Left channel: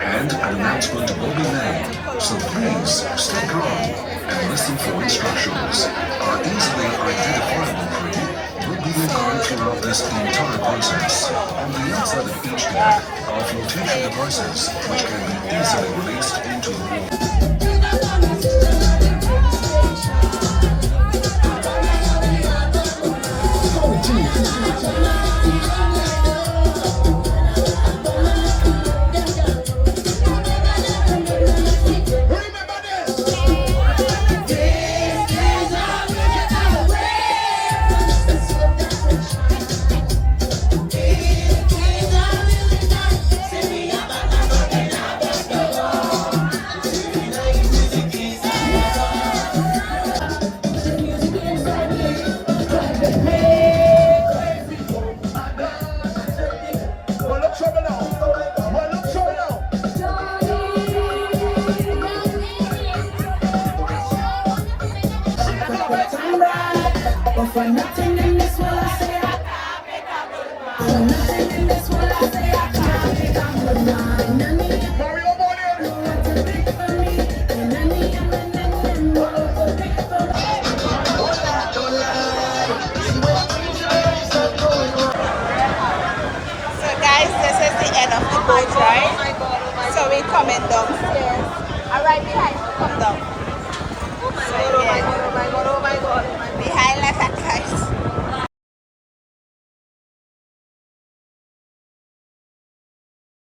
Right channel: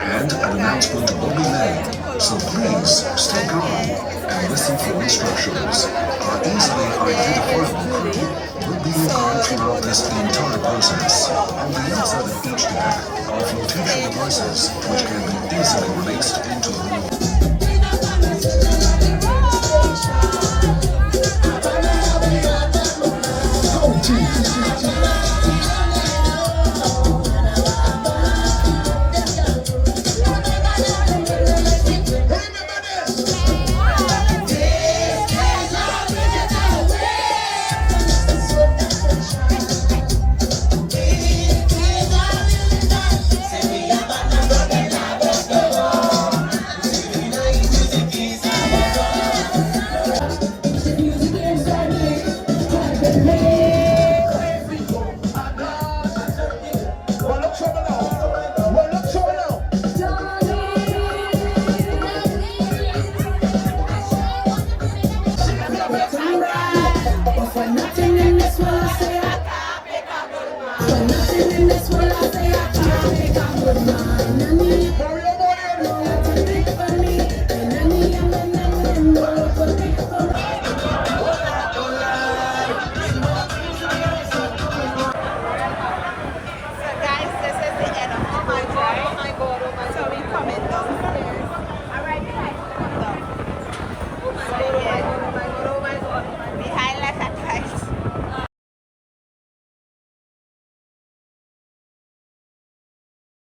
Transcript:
And an announcement will be made, so please stay calm and listen for instructions. Our easily identifiable crew will be with you throughout this entire process. On the outside of each deck are flotation devices which can be easily released into the water. So guys, this is the end of the boat ride. So we're coming downstairs.